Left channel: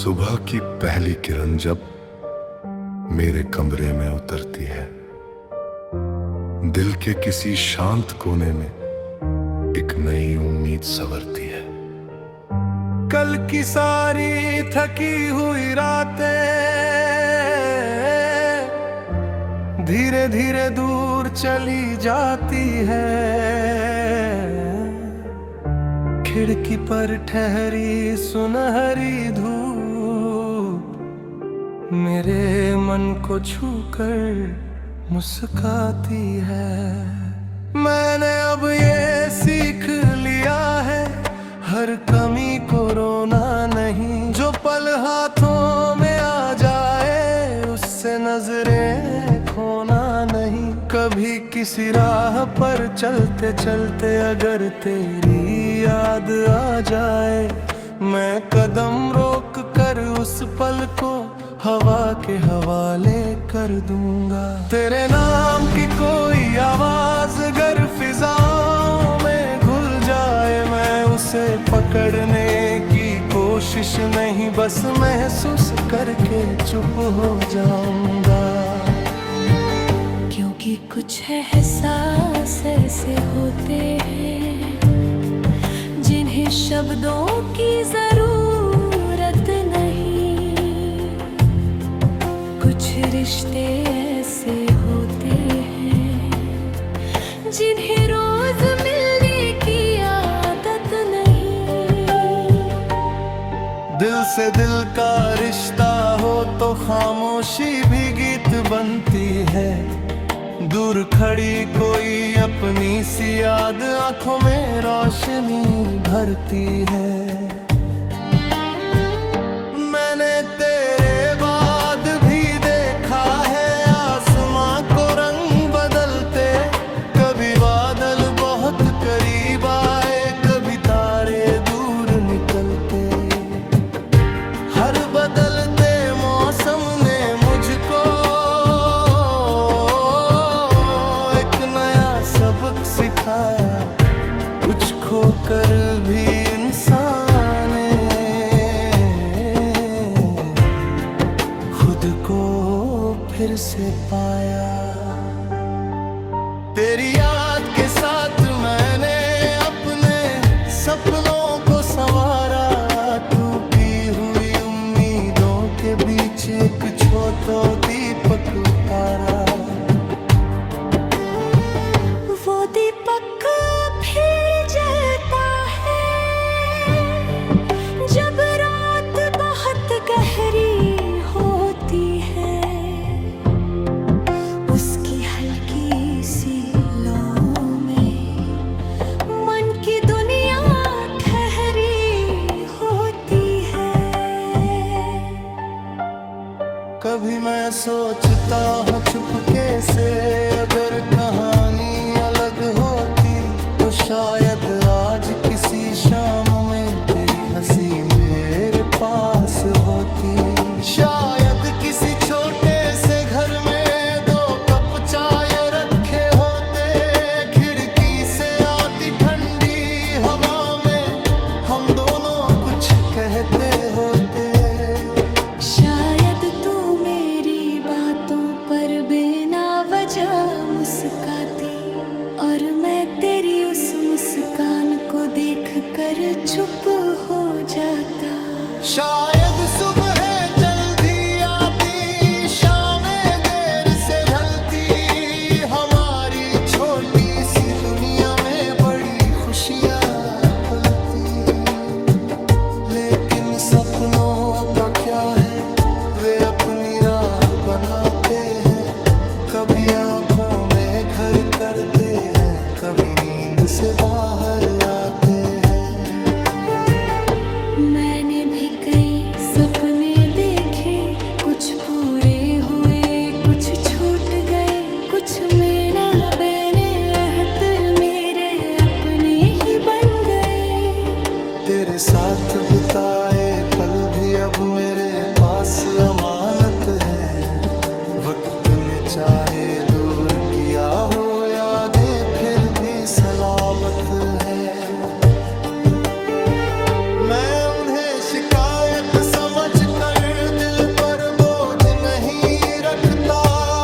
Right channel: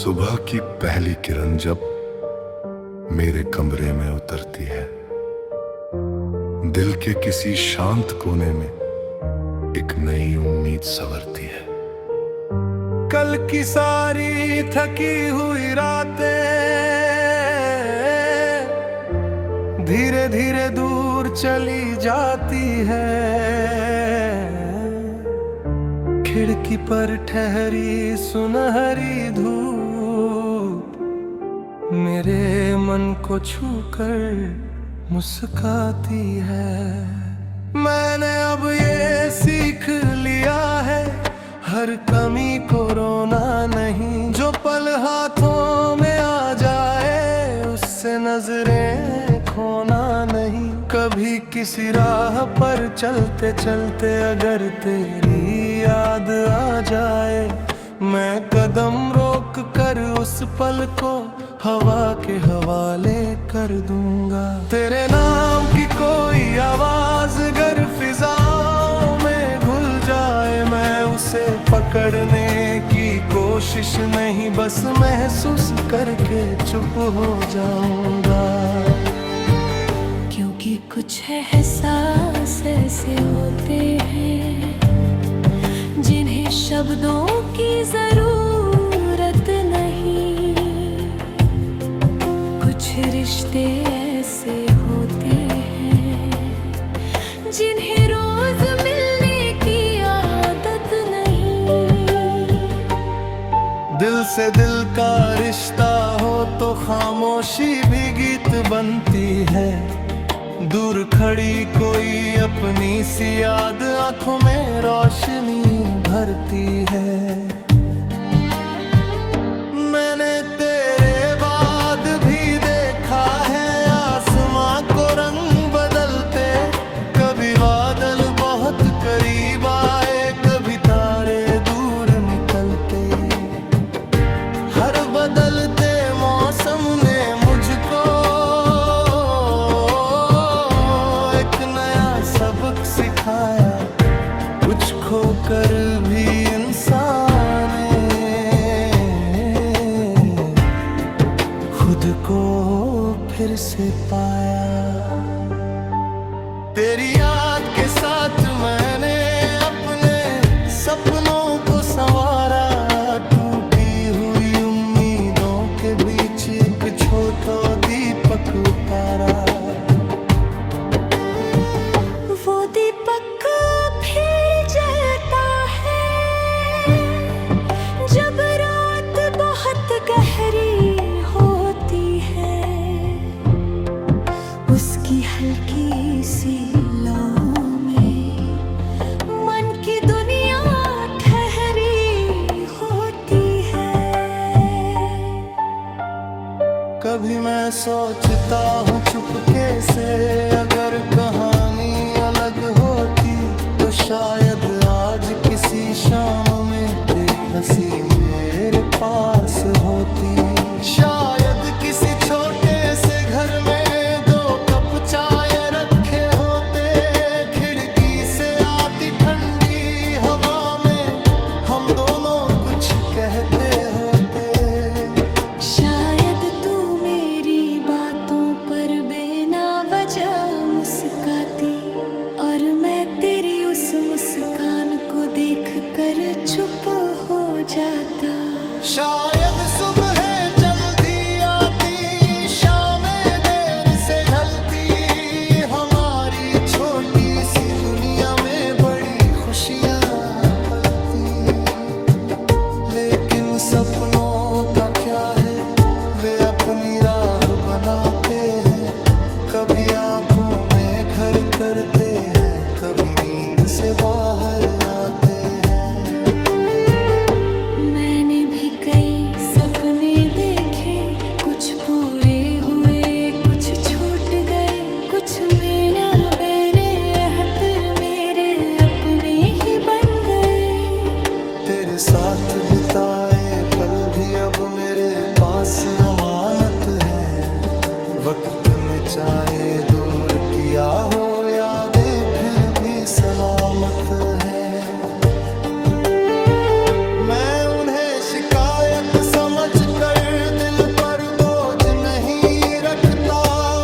सुबह की पहली किरण जब मेरे कमरे में उतरती है, दिल के किसी शांत कोने में एक नई उम्मीद संवरती है। कल की सारी थकी हुई रातें धीरे धीरे दूर चली जाती है। खिड़की पर ठहरी सुनहरी धूप मेरे मन को छूकर मुस्काती है। मैंने अब ये सीख लिया है, हर कमी को रोना नहीं। जो पल हाथों में आ जाए उससे नजरें खोना नहीं। कभी किसी राह पर चलते चलते अगर तेरी याद आ जाए, मैं कदम रोक कर उस पल को हवा के हवाले कर दूंगा। तेरे नाम की कोई आवाज अगर फिजाओं में घुल जाए, मैं उसे पकड़ने की कोशिश नहीं, बस महसूस करके चुप हो जाऊंगा। क्योंकि कुछ एहसास ऐसे होते हैं जिन्हें शब्दों की जरूरत नहीं। कुछ रिश्ते ऐसे होते हैं जिन्हें रोज मिलने की आदत नहीं। दिल से दिल का रिश्ता हो तो खामोशी भी गीत बनती है। दूर खड़ी कोई अपनी सी याद आंखों में रोशनी भरती है। मैंने तेरे बाद भी देखा है आसमां को रंग बदलते। कभी बादल बहुत करीब आए, कभी तारे दूर निकलते। हर बदलते मौसम ने मुझको सबक सिखाया। कुछ खोकर भी इंसान खुद को फिर से पाया। तेरी याद के साथ मैंने अपने सपनों को संवारा। टूटी हुई उम्मीदों के बीच एक छोटा दीपक उतारा। वो दीपक फिर जलता है जब रात बहुत गहरी होती है। उसकी हल्की सी लौ में मन की दुनिया ठहरी होती है। कभी मैं सोचता हूँ चुपके से, अगर कहानी अलग होती तो शायद आज किसी शाम में तेरी हंसी मेरे पास होती। शायद किसी छोटे से घर में दो कप चाय रखे होते। खिड़की से आती ठंडी हवा में हम दोनों कुछ कहते होते। शायद तू मेरी बातों पर बिना वजह मुस्काती और मैं तेरी उस मुस्कान को देखकर चुप हो जाता। शायद सुबह जल्दी आती, शामें देर से ढलती। हमारी छोटी सी दुनिया में बड़ी खुशियाँ पलती। लेकिन सपनों का क्या है, वे अपनी राह बनाते हैं। कभी आंखों में घर करते हैं, कभी नींद से बाहर आते हैं। मैंने भी कई सपने देखे, कुछ पूरे हुए कुछ छूट गए। कुछ मेरा बहने अहतर मेरे अपने ही बन गए। तेरे साथ बिताए पल भी अब मेरे पास अमानत है। वक्त ने चाहे दूर किया हो यादें फिर भी सलामत है। मैं उन्हें शिकायत समझ कर दिल पर बोझ नहीं रखता,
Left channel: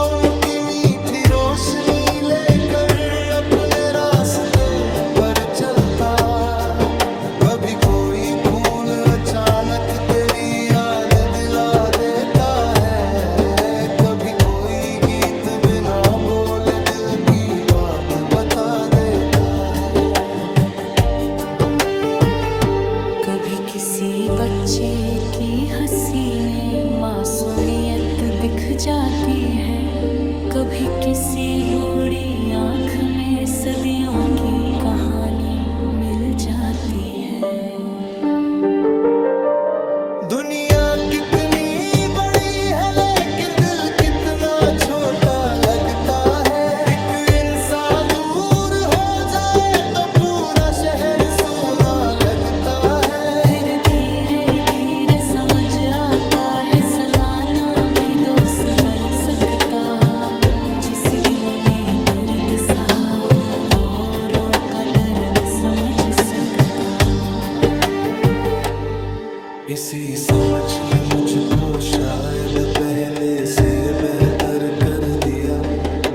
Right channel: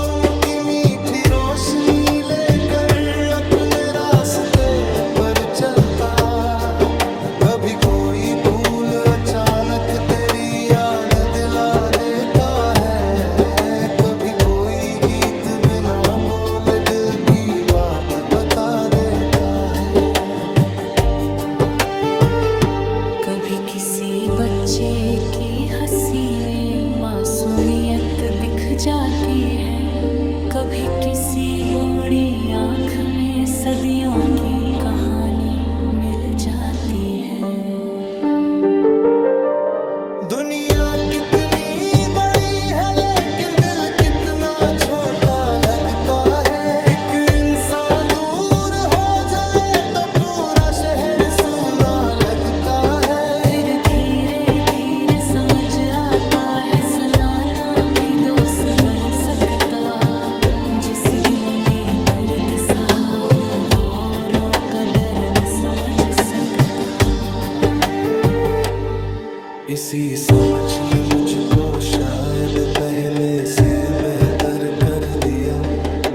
उनकी मीठी रोशनी लेकर अपने रास्ते पर चलता। कभी कोई फूल अचानक तेरी याद दिला देता है, कभी कोई गीत बिना बोले दिल की बात बता देता है। कभी किसी बच्चे की हंसी में मासूमियत दिख जाती है, कभी किसी बूढ़ी आंख में सदियों की कहानी मिल जाती है। दुनिया कितनी बड़ी है लेकिन दिल कितना छोटा लगता है। एक इंसान दूर हो जाए तो पूरा शहर सूना लगता है। फिर धीरे धीरे समझ आता है सनाना भी दोस्त बन सकता, जिस दिन में दर्द सहा हो वो औरों का दर्द समझ सकता। इसी समझ में मुझको शायद पहले से बेहतर कर दिया,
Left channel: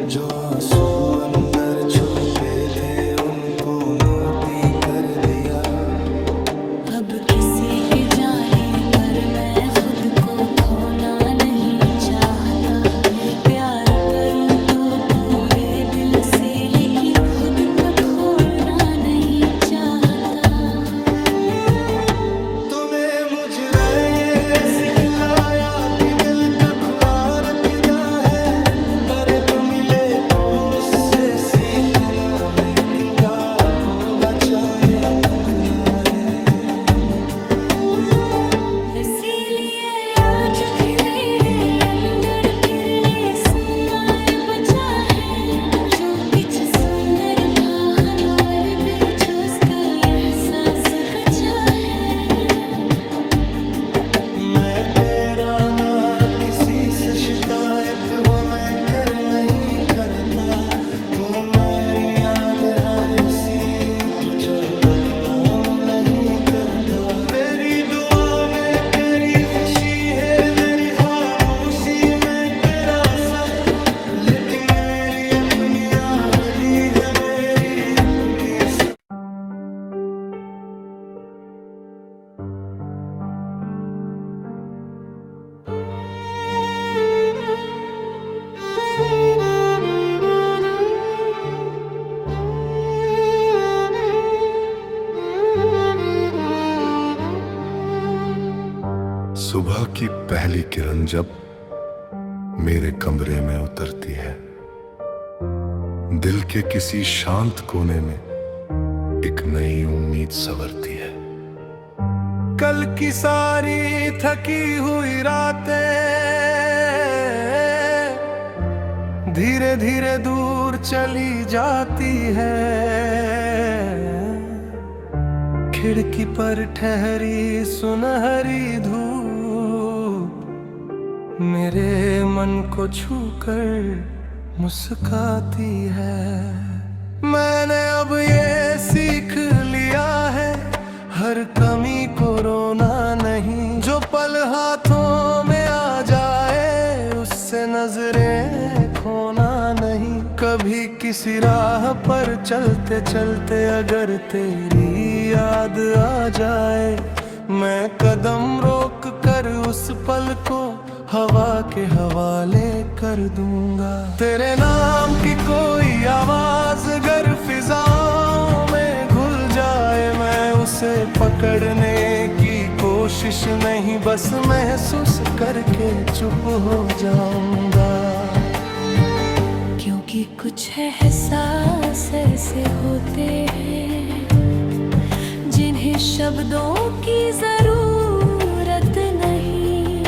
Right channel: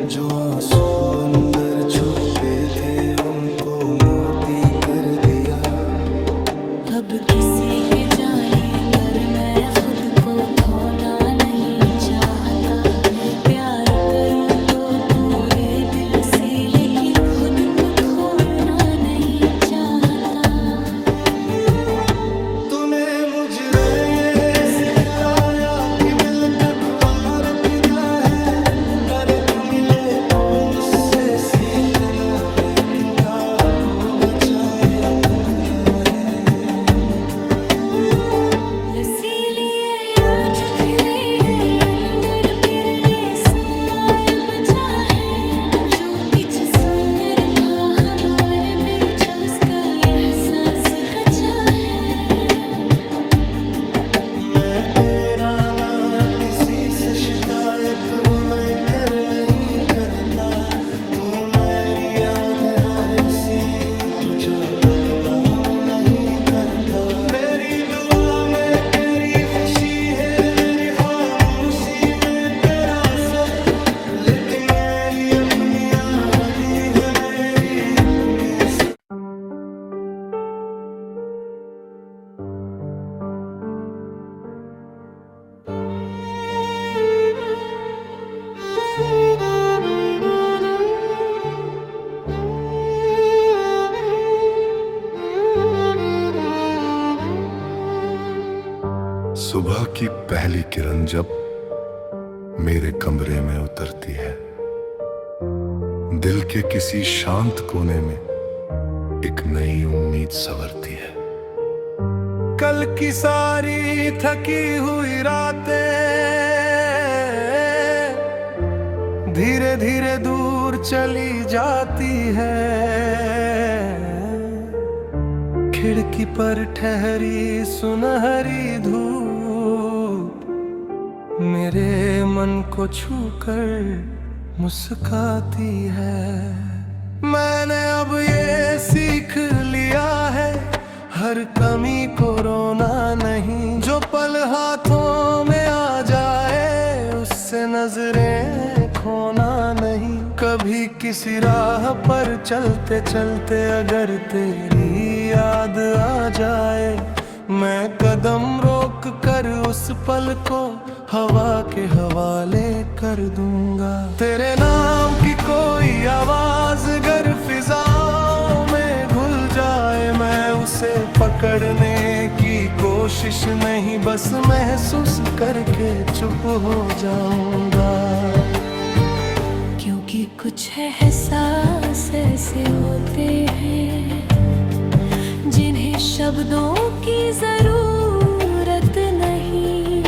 जो आंसू अंदर छुपे थे उनको मोती कर दिया। अब किसी के जाने पर मैं खुद को खोना नहीं चाहता, प्यार करूं तो पूरे दिल से लेकिन खुद को खोना नहीं चाहता। तूने मुझे ये सिखलाया कि दिल का खुला रखना है, पर तू मिले तो उससे सीखना, लेकिन प्यार को अजाए रखना है। इसीलिए आज खिले अंदर फिरले समार बचा है, जो कुछ सुनर भा हमारे बीच उसका एहसास बचा है। मैं तेरा ना किसी से शिकायत वो मैं कर नहीं करता, तू मेरी याद है सी तुझा बदलाम नहीं करता। मेरी दुआ में तेरी खुशी है, मेरी खामोशी में तेरा सच, लेकिन मेरी अपनी आहदी है मेरी अपनी सच। सुबह की पहली किरण जब मेरे कमरे में उतरती है, दिल के किसी शांत कोने में एक नई उम्मीद संवरती है। कल की सारी थकी हुई रातें धीरे धीरे दूर चली जाती है। खिड़की पर ठहरी सुनहरी धूप मेरे मन को छूकर मुस्काती है। मैंने अब ये सीख लिया है, हर कमी को रोना नहीं, जो पल हाथों में आ जाए उससे नजरें खोना नहीं। कभी किसी राह पर चलते चलते अगर तेरी याद आ जाए, मैं कदम रोक कर उस पल को हवा के हवाले कर दूंगा। तेरे नाम की कोई आवाज अगर फिजाओं में घुल जाए, मैं उसे पकड़ने की कोशिश नहीं बस महसूस करके चुप हो जाऊंगा। क्योंकि कुछ एहसास ऐसे होते हैं जिन्हें शब्दों की जरूरत नहीं।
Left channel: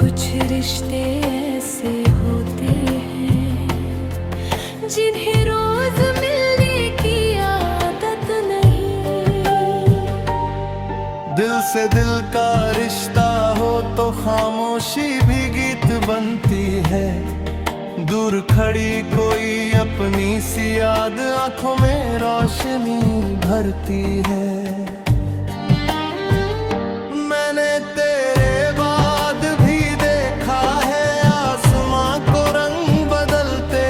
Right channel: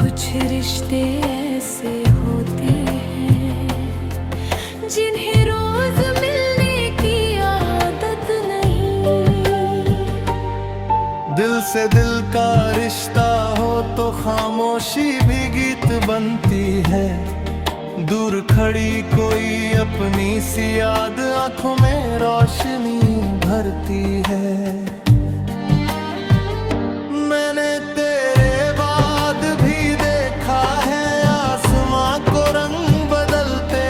कुछ रिश्ते ऐसे होते हैं जिन्हें रोज मिलने की आदत नहीं। दिल से दिल का रिश्ता हो तो खामोशी भी गीत बनती है। दूर खड़ी कोई अपनी सी याद आंखों में रोशनी भरती है। मैंने तेरे बाद भी देखा है आसमां को रंग बदलते,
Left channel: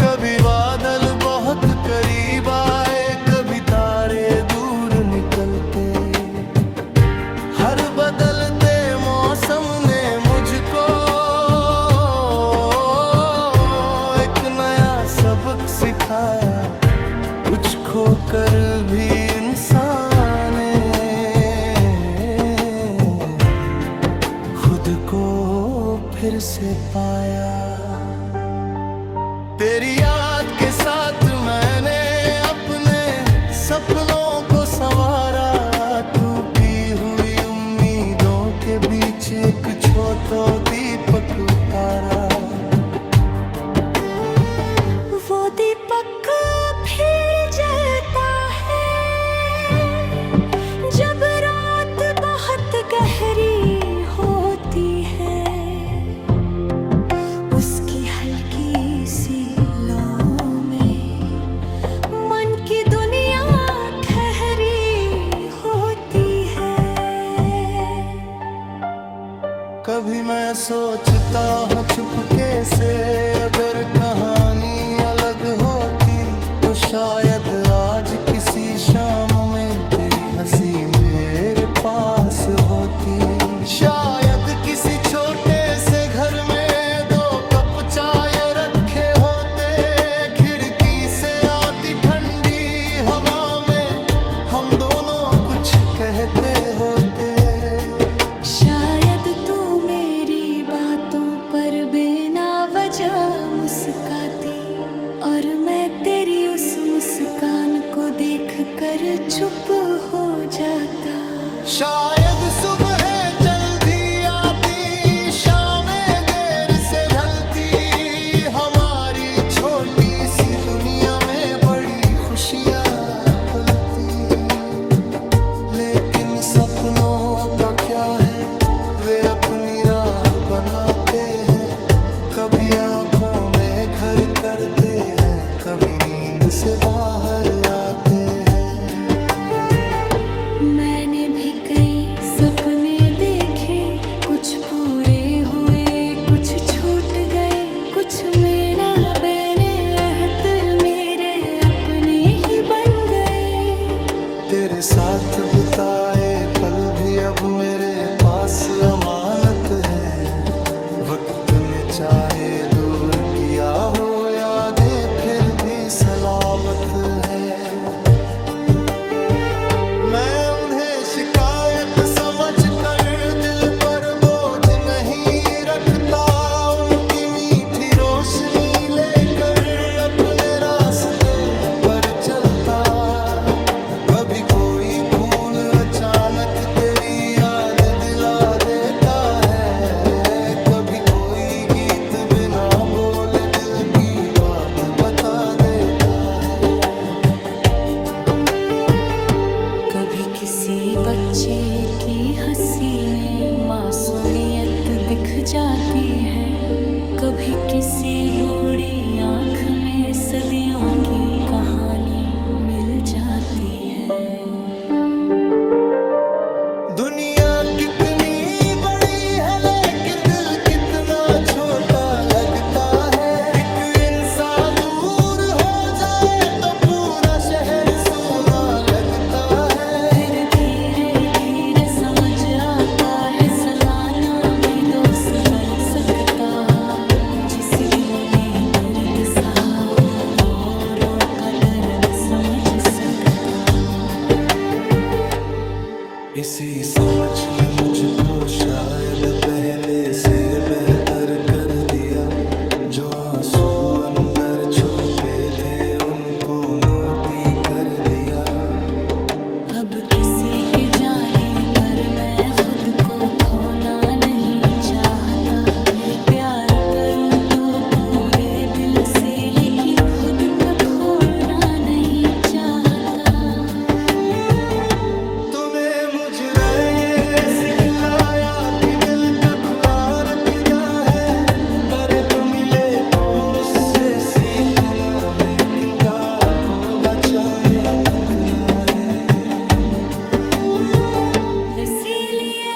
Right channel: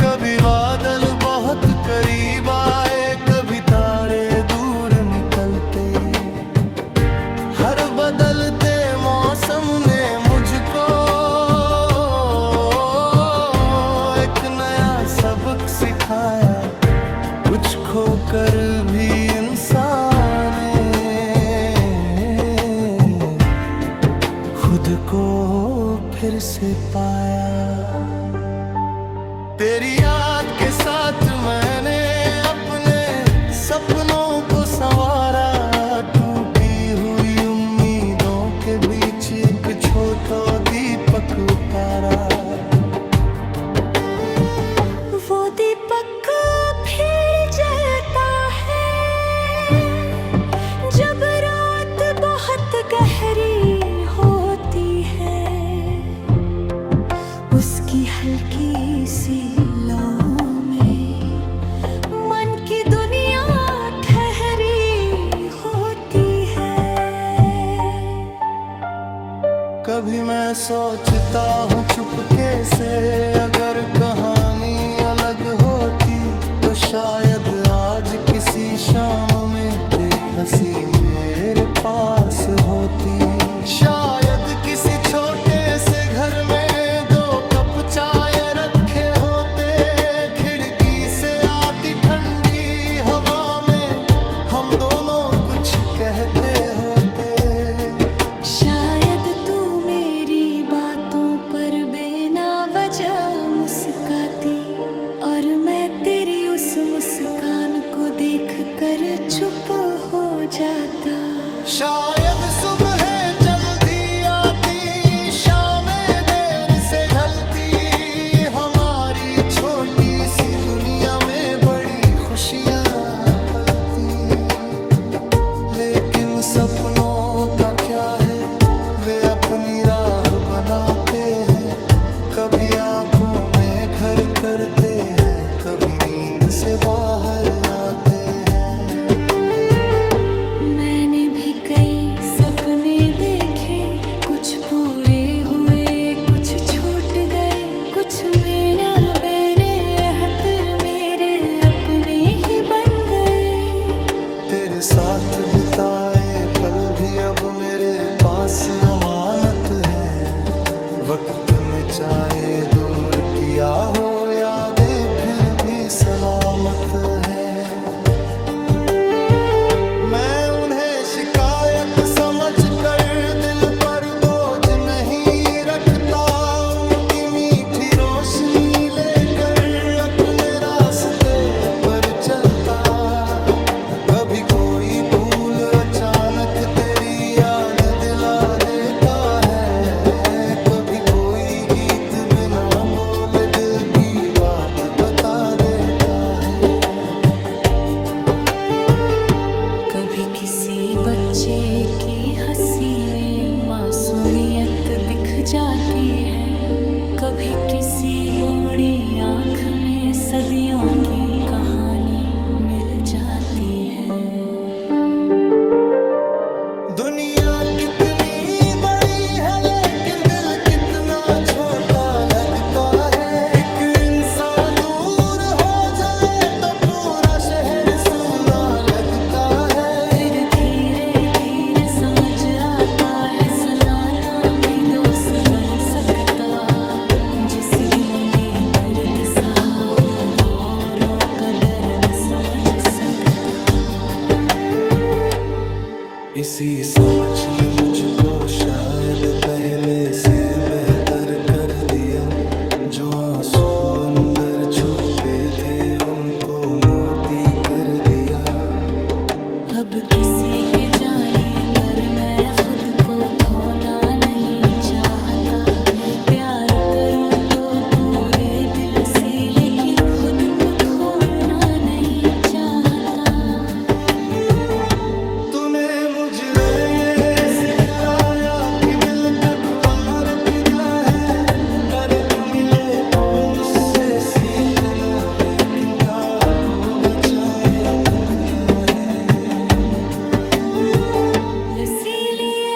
कभी बादल बहुत करीब आए, कभी तारे दूर निकलते। हर बदलते मौसम ने मुझको एक नया सबक सिखाया, कुछ खोकर भी इंसान खुद को फिर से पाया। तेरी याद के साथ मैंने अपने सपनों को संवारा, टूटी हुई उम्मीदों के बीच एक छोटा दीपक उतारा। वो दीपक फिर जलता है जब रात बहुत गहरी होती है, उसकी हल्की सी लौ में मन की दुनिया ठहरी होती है। कभी मैं सोचता हूँ चुपके से, अगर कहानी अलग होती तो शायद आज किसी शाम में तेरी हंसी मेरे पास होती। शायद किसी छोटे से घर में दो कप चाय रखे होते, खिड़की से आती ठंडी हवा में हम दोनों कुछ कहते होते। शायद तू मेरी बातों पर बिना वजह मुस्काती, और मैं तेरी उस मुस्कान को देखकर चुप हो जाता। शायद सुबह जल्दी आती, शामें देर से ढलती, हमारी छोटी सी दुनिया में बड़ी खुशियाँ पलती। लेकिन सपनों का क्या है, वे अपनी राह बनाते हैं, कभी आंखों में घर करते हैं, कभी नींद से बाहर आते हैं। मैंने भी कई सपने देखे, कुछ पूरे हुए कुछ छूट गए, कुछ मेरा बैने हतर मेरे अपने ही बन गए। तेरे साथ बिताए पल भी अब मेरे पास अमानत है, वक्त ने चाहे दूर किया हो यादें फिर भी सलामत है। मैं उन्हें शिकायत समझ कर दिल पर बोझ नहीं रखता, उनकी मीठी रोशनी लेकर अपने रास्ते पर चलता। कभी कोई फूल अचानक तेरी याद दिला देता है, कभी कोई गीत बिना बोले दिल की बात बता देता है। कभी किसी बच्चे की हंसी में मासूमियत दिख जाती है, कभी किसी बूढ़ी आंख में सदियों की कहानी मिल जाती है। दुनिया कितनी बड़ी है लेकिन दिल कितना छोटा लगता है। एक इंसान दूर हो जाए तो पूरा शहर सूना लगता है। फिर धीरे धीरे समझ आता है सनाना भी दोस्त बन सकता, जिस दिन में दर्द सहा हो वो औरों का दर्द समझ सकता। इसी समझ ने मुझको शायद पहले से बेहतर कर दिया, जो आंसू अंदर छुपे थे उनको मोती कर दिया। अब किसी के जाने पर मैं खुद को खोना नहीं चाहता, प्यार करूं तो पूरे दिल से लेकिन खुद को खोना नहीं चाहता। तूने मुझे ये सिखलाया कि दिल का खुला रखना है, पर तू मिले तो उससे सीखना, लेकिन प्यार को बचाए रखना है। इसीलिए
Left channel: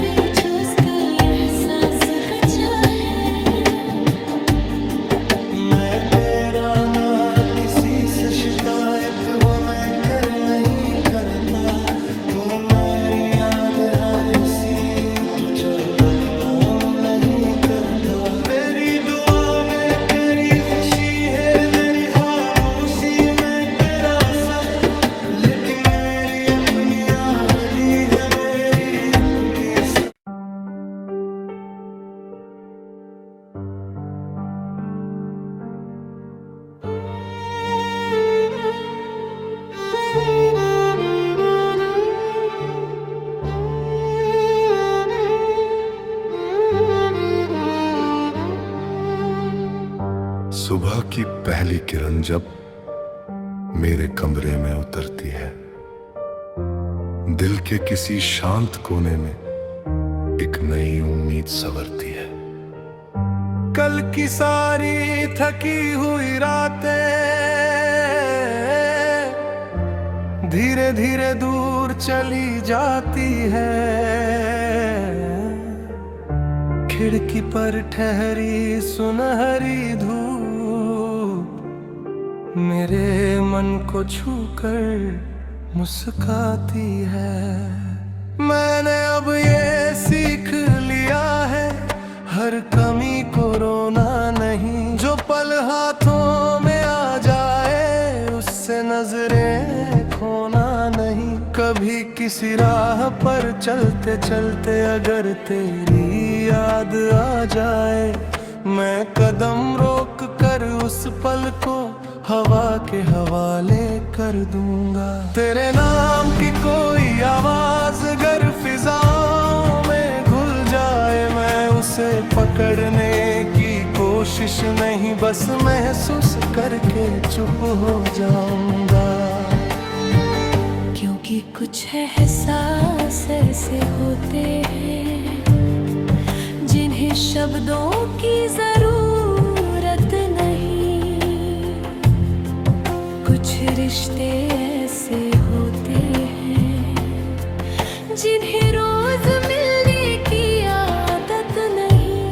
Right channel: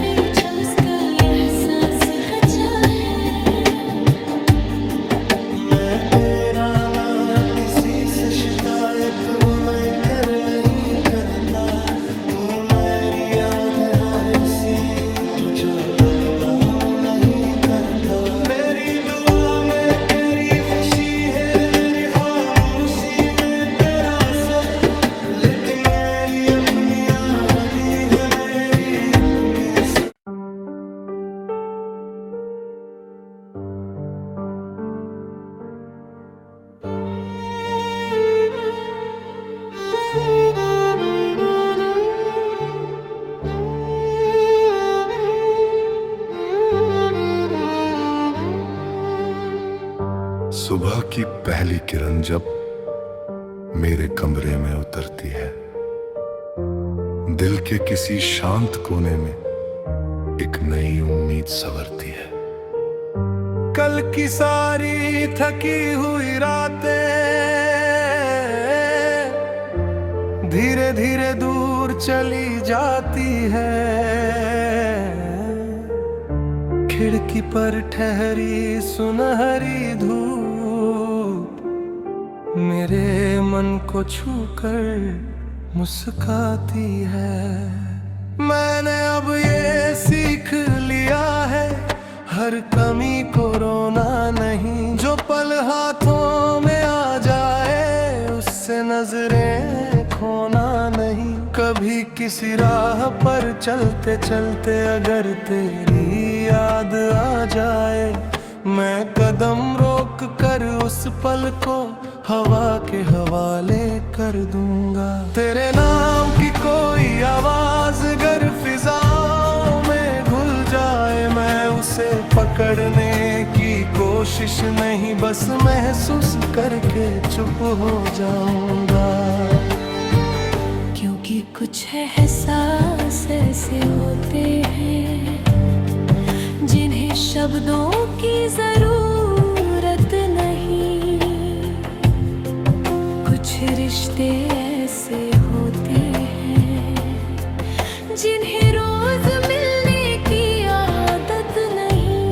बेचोसका एहसास बचा है मैं तेरा ना किसी से शिकायत वो मैं कर नहीं करता तू मेरी याद है इसी तुझा बदलाम नहीं करता मेरी दुआ में तेरी खुशी है मेरी खामोशी में तेरा सब लेकिन मेरी अपनी आहली है मेरी अपनी सुबह की पहली किरण जब मेरे कमरे में उतरती है दिल के किसी शांत कोने में एक नई उम्मीद संवरती है कल की सारी थकी हुई रातें धीरे धीरे दूर चली जाती है खिड़की पर ठहरी सुनहरी धूप मेरे मन को छूकर मुस्काती है मैंने अब ये सीख लिया है हर कमी को रोना नहीं जो पल हाथों में आ जाए उससे नजरें खोना नहीं कभी किसी राह पर चलते चलते अगर तेरी याद आ जाए मैं कदम रोक कर उस पल को हवा के हवाले कर दूंगा तेरे नाम की कोई आवाज अगर फिजाओं में घुल जाए मैं उसे पकड़ने की कोशिश नहीं बस महसूस करके चुप हो जाऊंगा क्योंकि कुछ एहसास ऐसे होते हैं जिन्हें शब्दों की जरूरत नहीं कुछ रिश्ते ऐसे होते हैं जिन्हें रोज मिलने की आदत नहीं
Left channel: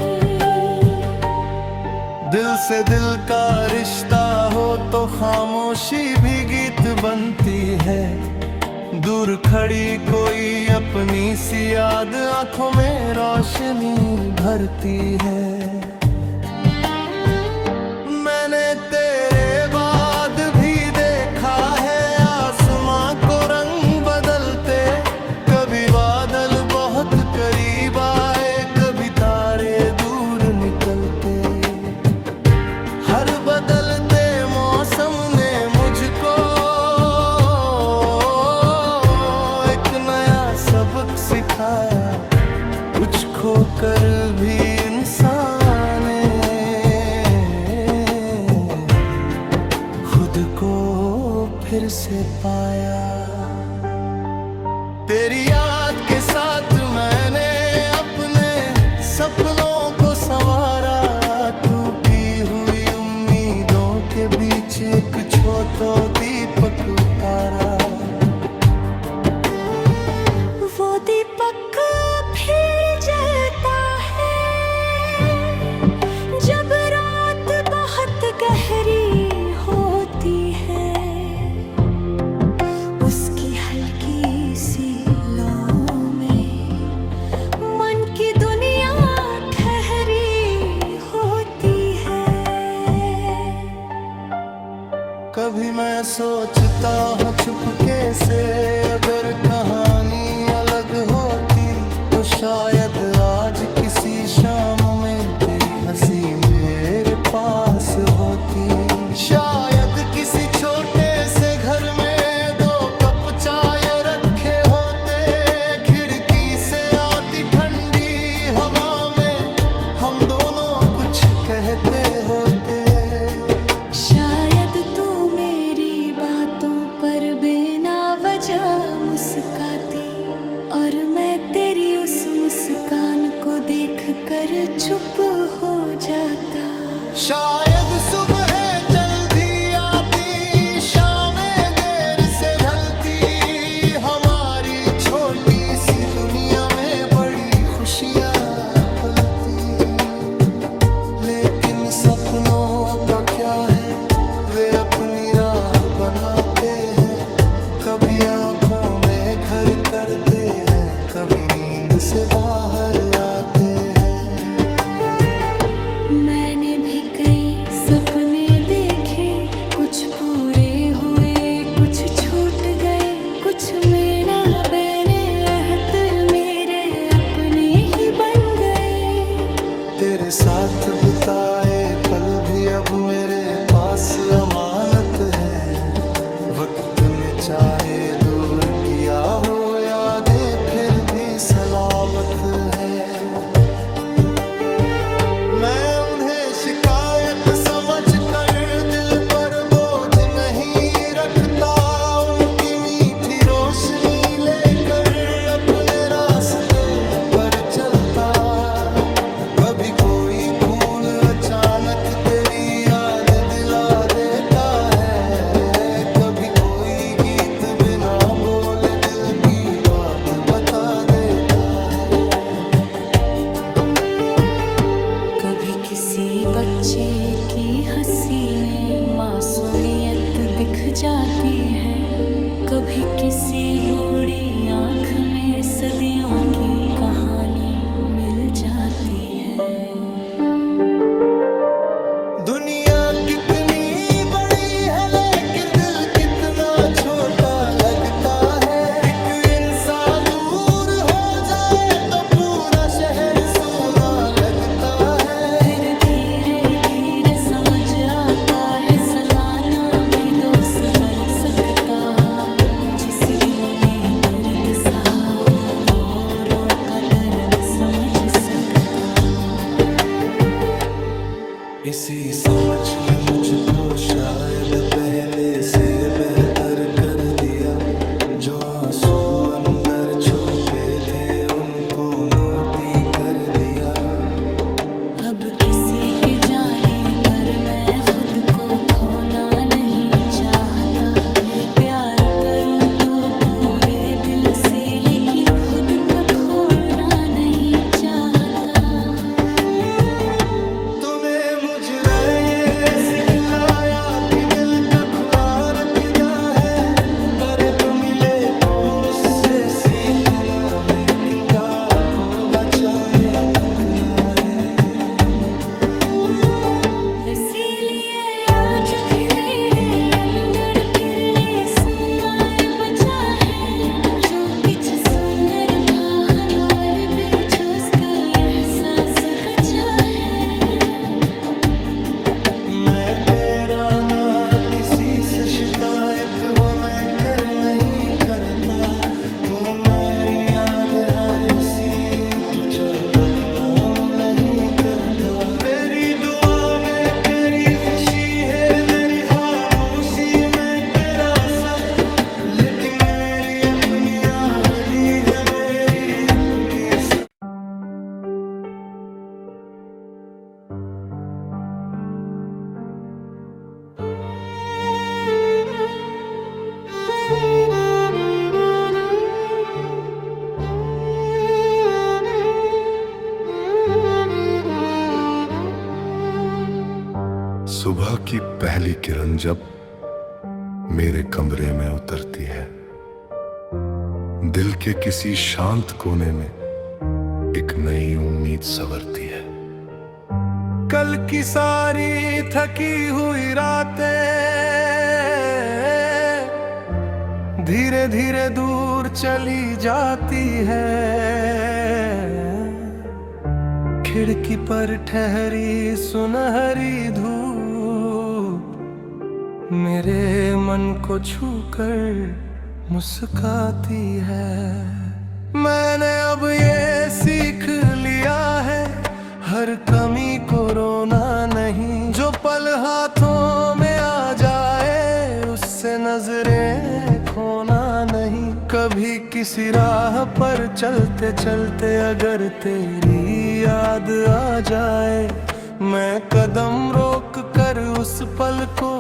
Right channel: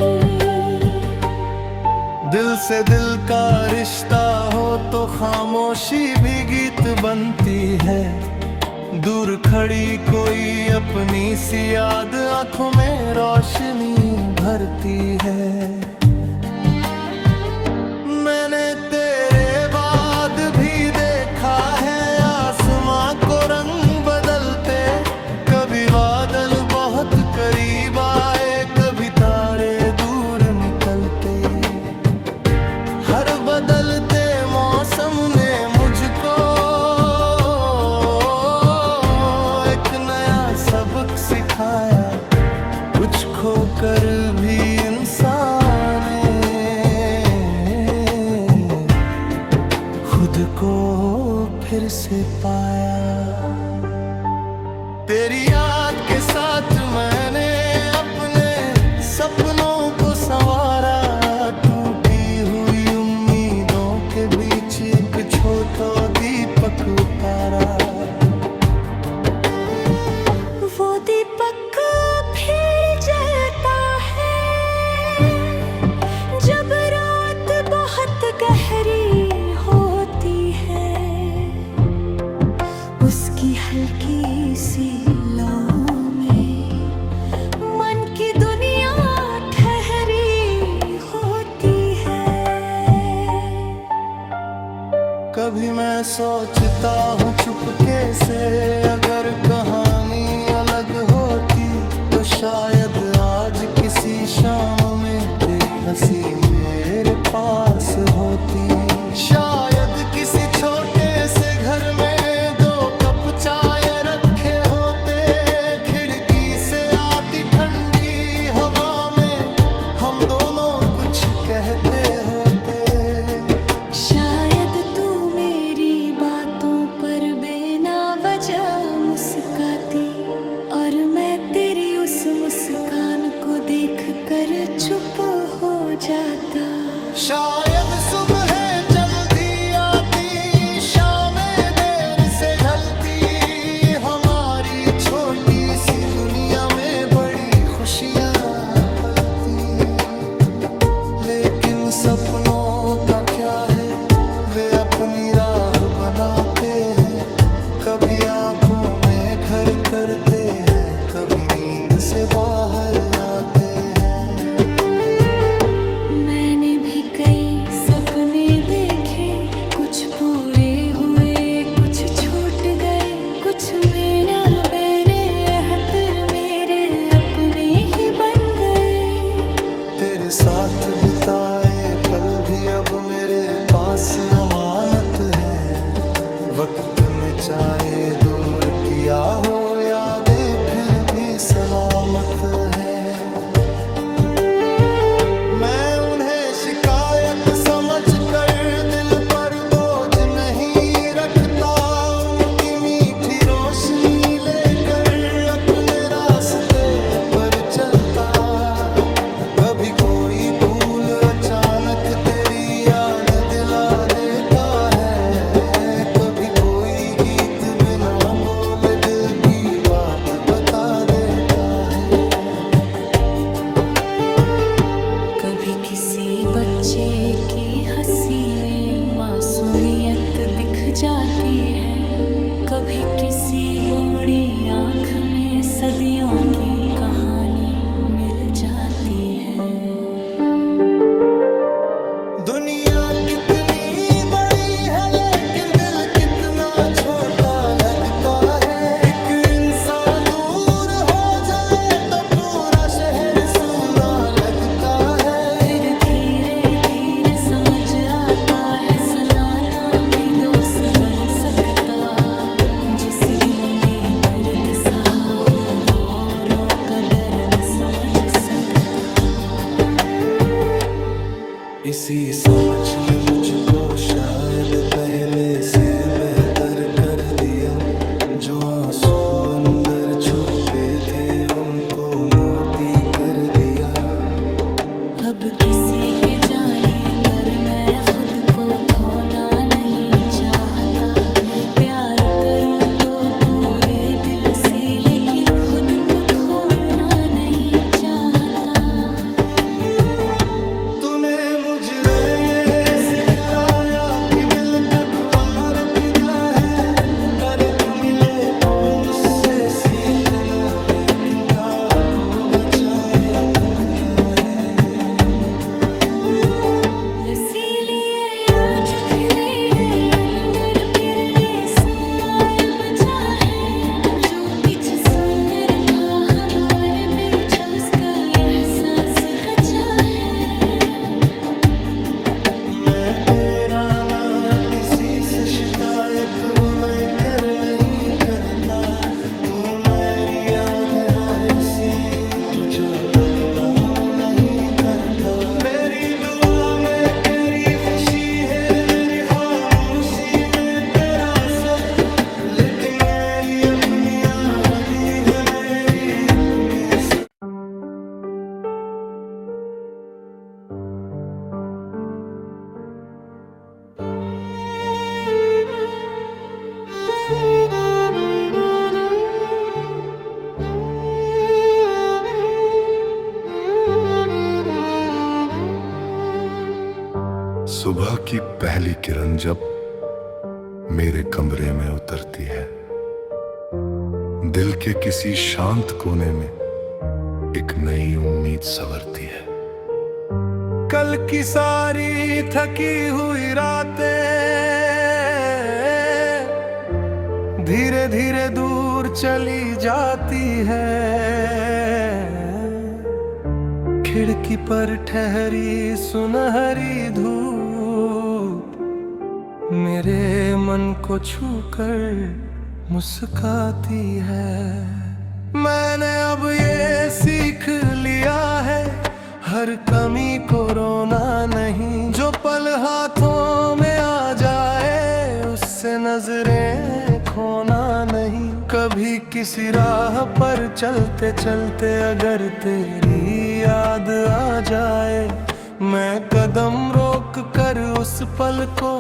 दिल से दिल का रिश्ता हो तो खामोशी भी गीत बनती है दूर खड़ी कोई अपनी सी याद आंखों में रोशनी भरती है मैंने तेरे बाद भी देखा है आसमां को रंग बदलते कभी बादल बहुत करीब आए कभी तारे दूर निकलते हर बदलते मौसम ने मुझको सबक सिखाया कुछ खोकर भी इंसान खुद को फिर से पाया तेरी याद के साथ मैंने अपने सपनों को संवारा टूटी हुई उम्मीदों के बीच एक छोटा दीपक उतारा वो दीपक फिर जलता है जब रात बहुत गहरी होती है उसकी हल्की सी लौ में मन की दुनिया ठहरी होती है कभी मैं सोचता हूँ चुपके से अगर कहानी अलग होती तो शायद आज किसी शाम में तेरी हंसी मेरे पास होती शायद किसी छोटे से घर में दो कप चाय रखे होते खिड़की से आती ठंडी हवा में हम दोनों कुछ कहते होते शायद तू मेरी बातों पर बिना वजह मुस्काती और मैं तेरी उस मुस्कान को देखकर चुप हो जाता शायद सुबह जल्दी आती शामें देर से ढलती हमारी छोटी सी दुनिया में बड़ी खुशियाँ पलती, लेकिन सपनों का क्या है, वे अपनी राह बनाते हैं। कभी आंखों में घर करते हैं, कभी नींद से बाहर आते हैं। मैंने भी कई सपने देखे, कुछ पूरे हुए कुछ छूट गए, कुछ मेरा बैने हतर मेरे अपने ही बन गए। तेरे साथ बिताए पल भी अब मेरे पास अमानत है। वक्त ने चाहे दूर किया हो यादें, फिर भी सलामत है। मैं उन्हें शिकायत समझ कर दिल पर बोझ नहीं रखता, उनकी मीठी रोशनी लेकर अपने रास्ते पर चलता। कभी कोई फूल अचानक तेरी याद दिला देता है, कभी कोई गीत बिना बोले दिल की बात बता देता है। कभी किसी बच्चे की हंसी में मासूमियत दिख जाती है, कभी किसी बूढ़ी आंख में सदियों की कहानी मिल जाती है। दुनिया कितनी बड़ी है लेकिन दिल कितना छोटा लगता है। एक इंसान दूर हो जाए तो पूरा शहर सूना लगता है। फिर धीरे धीरे समझ आता है, सनाना भी दोस्त बन सकता। जिस दिन में दर्द सहा हो वो औरों का दर्द समझ सकता। इसी समझ ने मुझको शायद पहले से बेहतर कर दिया। जो आंसू अंदर छुपे थे उनको मोती कर दिया। अब किसी के जाने पर मैं खुद को खोना नहीं चाहता। प्यार करूं तो पूरे दिल से, लेकिन खुद को खोना नहीं चाहता। तूने मुझे ये सिखलाया कि दिल का खुला रखना है, पर तू मिले तो उससे सीखना, लेकिन प्यार को बचाए रखना है। इसीलिए आज फिर अंदर फिर समार बचा है, जो कुछ सुनर भा हमारे बीच उसका एहसास बचा है। मैं तेरा ना किसी से शिकायत वो मैं कर नहीं करता। तू मेरी याद है इसी तुझा बदला मैं नहीं करता। मेरी दुआ में तेरी खुशी है, मेरी खामोशी में तेरा सच, लेकिन मेरी अपनी आहली है, मेरी अपनी सच। सुबह की पहली किरण जब मेरे कमरे में उतरती है, दिल के किसी शांत कोने में एक नई उम्मीद संवरती है। कल की सारी थकी हुई रातें धीरे धीरे दूर चली जाती है। खिड़की पर ठहरी सुनहरी धूप मेरे मन को छूकर मुस्काती है। मैंने अब ये सीख लिया है, हर कमी को रोना नहीं। जो पल हाथों में आ जाए उससे नजरें खोना नहीं। कभी किसी राह पर चलते चलते अगर तेरी याद आ जाए, मैं कदम रोक कर उस पल को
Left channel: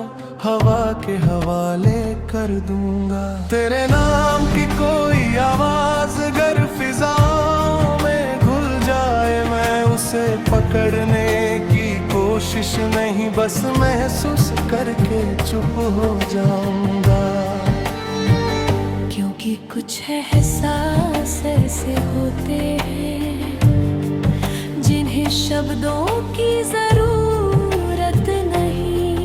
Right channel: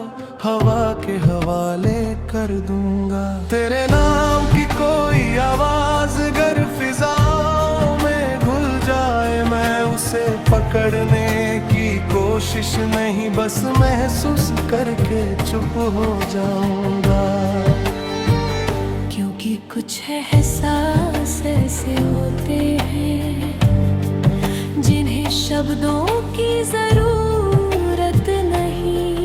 हवा के हवाले कर दूंगा। तेरे नाम की कोई आवाज अगर फिजाओं में घुल जाए, मैं उसे पकड़ने की कोशिश नहीं, बस महसूस करके चुप हो जाऊंगा। क्योंकि कुछ एहसास ऐसे होते हैं जिन्हें शब्दों की जरूरत नहीं।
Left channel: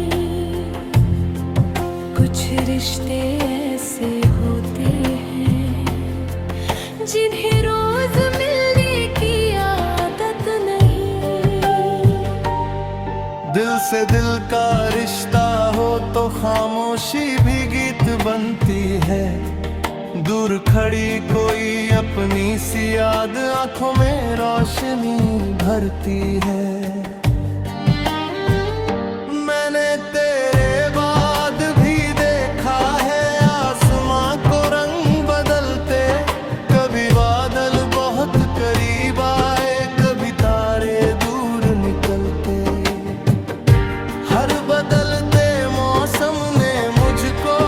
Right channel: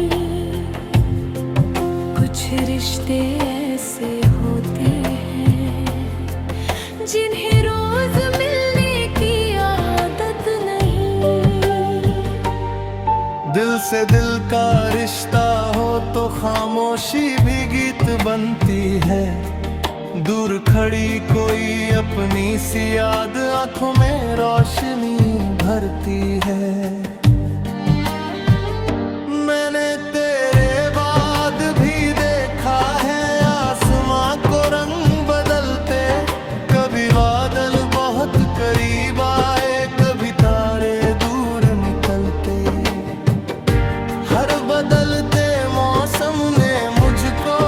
कुछ रिश्ते ऐसे होते हैं जिन्हें रोज मिलने की आदत नहीं। दिल से दिल का रिश्ता हो तो खामोशी भी गीत बनती है। दूर खड़ी कोई अपनी सी याद आंखों में रोशनी भरती है। मैंने तेरे बाद भी देखा है आसमां को रंग बदलते। कभी बादल बहुत करीब आए, कभी तारे दूर निकलते। हर बदलते मौसम ने मुझको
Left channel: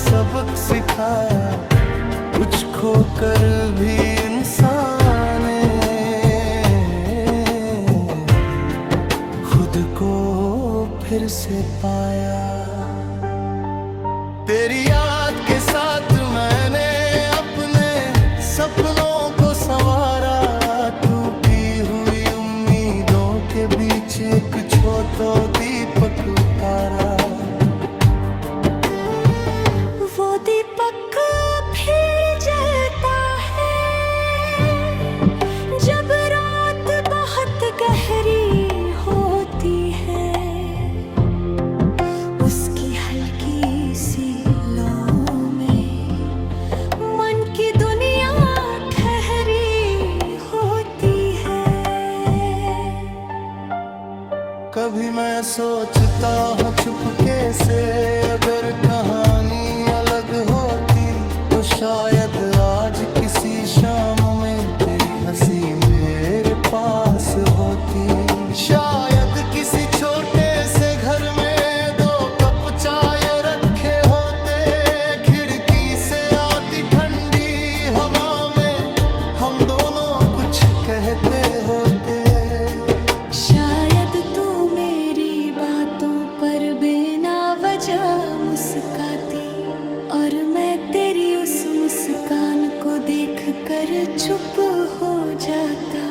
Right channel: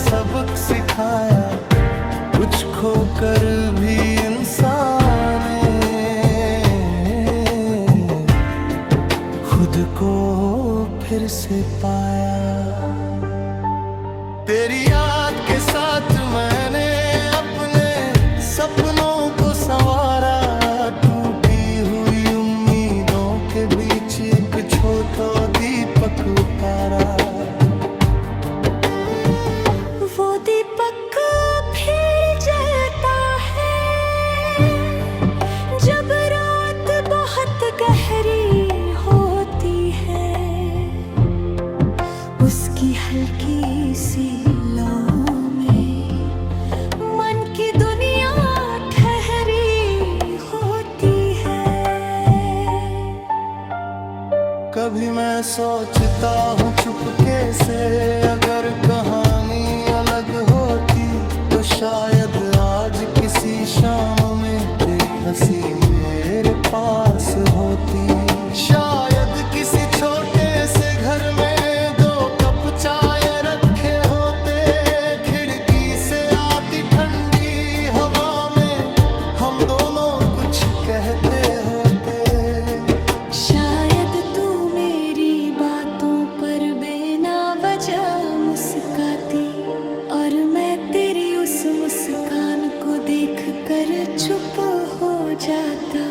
सबक सिखाया। कुछ खोकर भी इंसान खुद को फिर से पाया। तेरी याद के साथ मैंने अपने सपनों को संवारा। टूटी हुई उम्मीदों के बीच एक छोटा दीपक उतारा। वो दीपक फिर जलता है जब रात बहुत गहरी होती है। उसकी हल्की सी लौ में मन की दुनिया ठहरी होती है। कभी मैं सोचता हूँ चुपके से, अगर कहानी अलग होती तो शायद आज किसी शाम में तेरी हंसी मेरे पास होती। शायद किसी छोटे से घर में 2 कप चाय रखे होते। खिड़की से आती ठंडी हवा में हम दोनों कुछ कहते होते। शायद तू मेरी बातों पर बिना वजह मुस्काती और मैं तेरी उस मुस्कान को देखकर चुप हो जाता।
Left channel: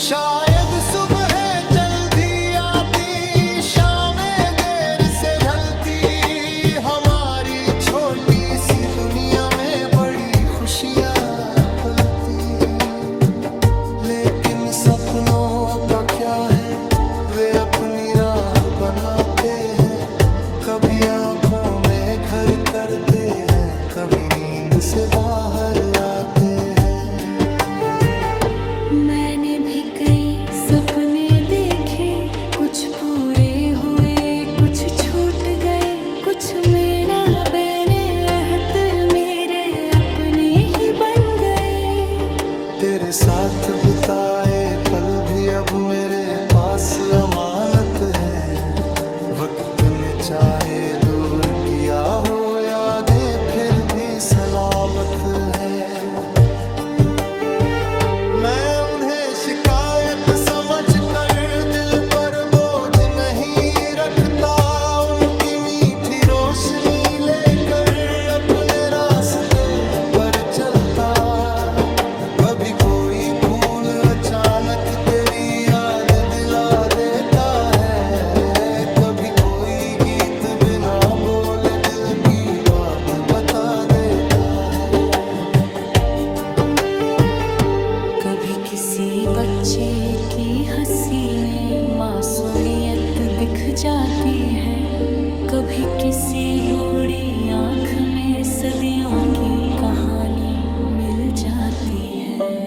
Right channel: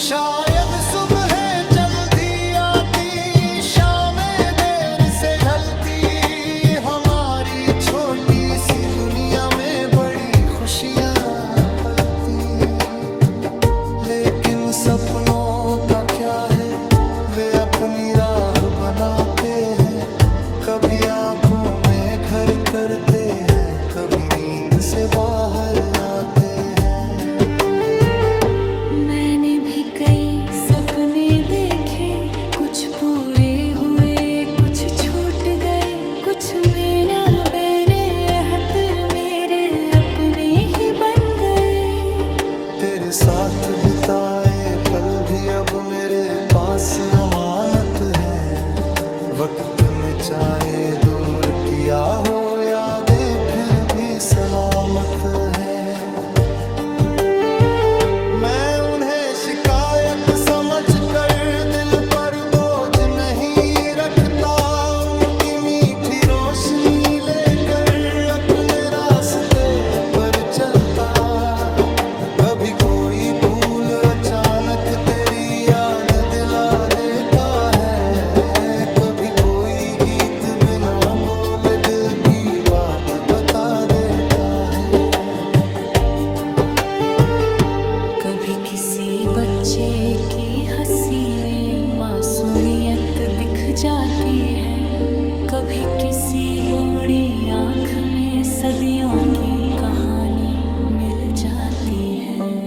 शायद सुबह जल्दी आती, शामें देर से ढलती। हमारी छोटी सी दुनिया में बड़ी खुशियाँ पलती। लेकिन सपनों का क्या है, वे अपनी राह बनाते हैं। कभी आंखों में घर करते हैं, कभी नींद से बाहर आते हैं। मैंने भी कई सपने देखे, कुछ पूरे हुए कुछ छूट गए। कुछ मेरा बहने अहतर मेरे अपने ही बन गए। तेरे साथ बिताए पल भी अब मेरे पास अमानत है। वक्त ने चाहे दूर किया हो यादें फिर भी सलामत है। मैं उन्हें शिकायत समझ कर दिल पर बोझ नहीं रखता। उनकी मीठी रोशनी लेकर अपने रास्ते पर चलता। कभी कोई फूल अचानक तेरी याद दिला देता है। कभी कोई गीत बिना बोले दिल की बात बता देता है। कभी किसी बच्चे की हंसी में मासूमियत दिख जाती है। कभी किसी बूढ़ी आंख में सदियों की कहानी मिल जाती है।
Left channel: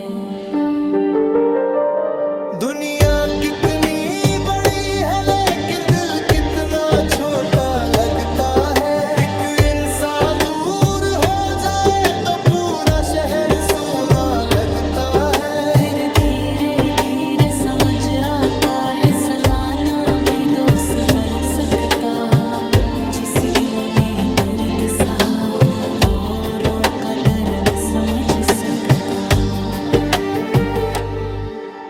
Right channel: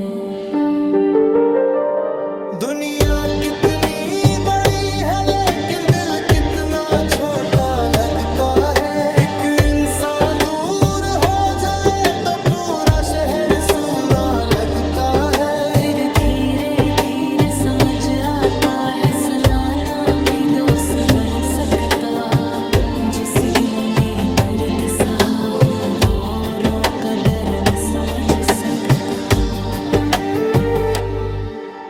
दुनिया कितनी बड़ी है लेकिन दिल कितना छोटा लगता है। एक इंसान दूर हो जाए तो पूरा शहर सूना लगता है। फिर धीरे धीरे समझ समझ आता है सनाना भी दोस्त बन सकता। जिस दिन में दर्द सहा हो वो औरों का दर्द समझ सकता।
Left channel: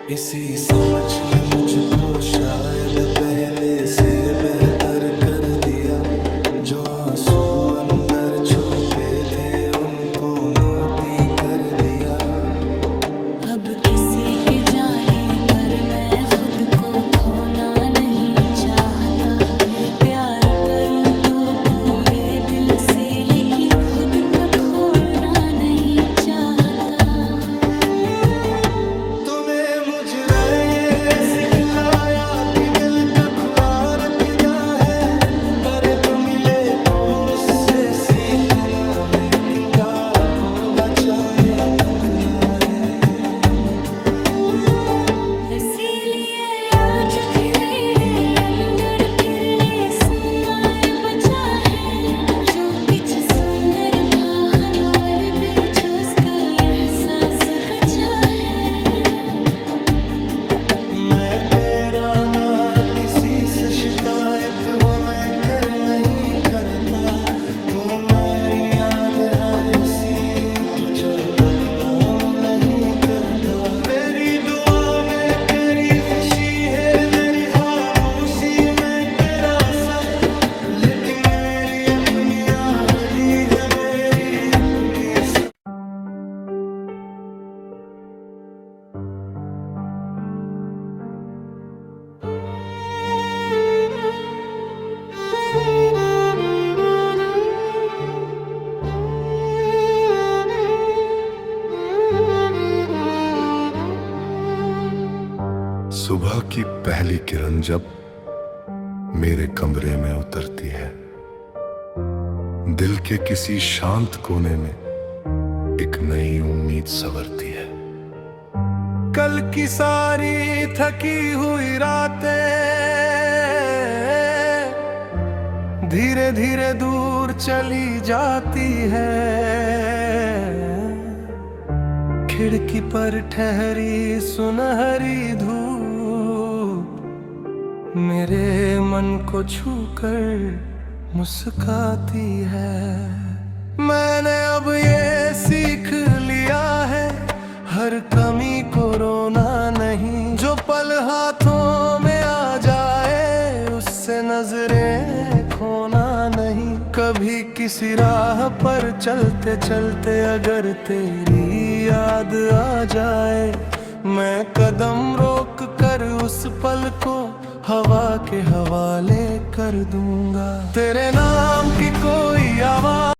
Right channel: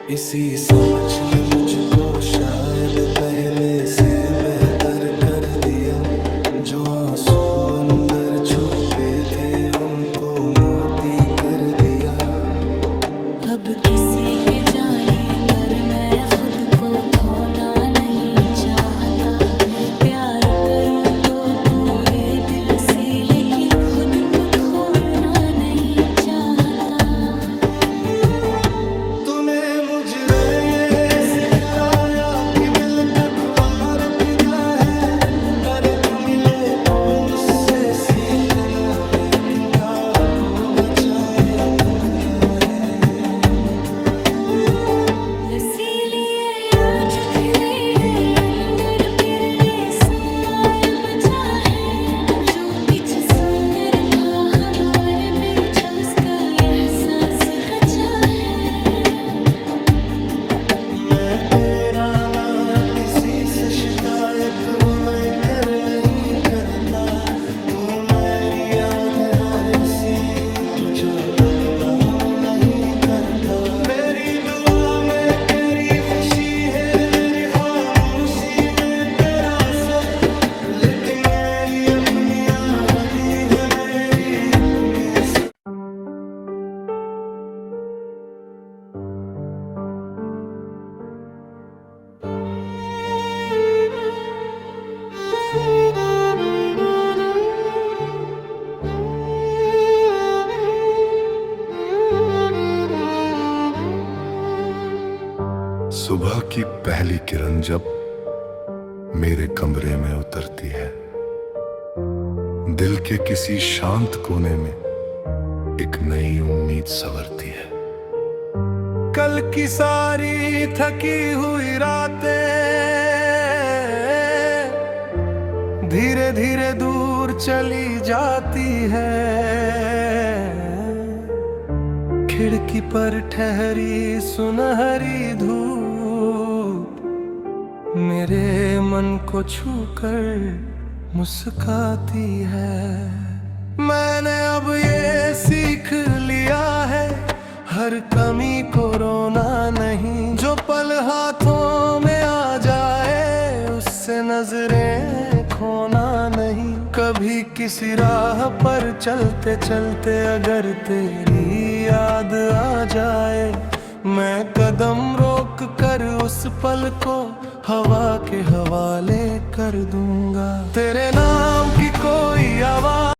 इसी समझ ने मुझको शायद पहले से बेहतर कर दिया। जो आंसू अंदर छुपे थे उनको मोती कर दिया। अब किसी के जाने पर मैं खुद को खोना नहीं चाहता। प्यार करूं तो पूरे दिल से लेकिन खुद को खोना नहीं चाहता। तूने मुझे ये सिखलाया कि दिल का खुला रखना है। पर तू मिले तो उससे सीखना, लेकिन प्यार को बचाए रखना है। इसीलिए आज खिली है अंदर फिरले सम्मार बचा है। जो किछ सुनर भा हमारे बीच उसका एहसास बचा है। मैं तेरा ना किसी से शिकायत वो मैं कर नहीं करता। तू मेरी याद है इसी तुझा बदलाव नहीं करता। मेरी दुआ में तेरी खुशी है, मेरी खामोशी में तेरा सच। लेकिन मेरी अपनी आहली है, मेरी अपनी सुबह की पहली किरण जब मेरे कमरे में उतरती है, दिल के किसी शांत कोने में एक नई उम्मीद संवरती है। कल की सारी थकी हुई रातें धीरे धीरे दूर चली जाती है। खिड़की पर ठहरी सुनहरी धूप मेरे मन को छूकर मुस्काती है। मैंने अब ये सीख लिया है, हर कमी को रोना नहीं। जो पल हाथों में आ जाए उससे नजरें खोना नहीं। कभी किसी राह पर चलते चलते अगर तेरी याद आ जाए, मैं कदम रोक कर उस पल को हवा के हवाले कर दूंगा। तेरे नाम की कोई आवाज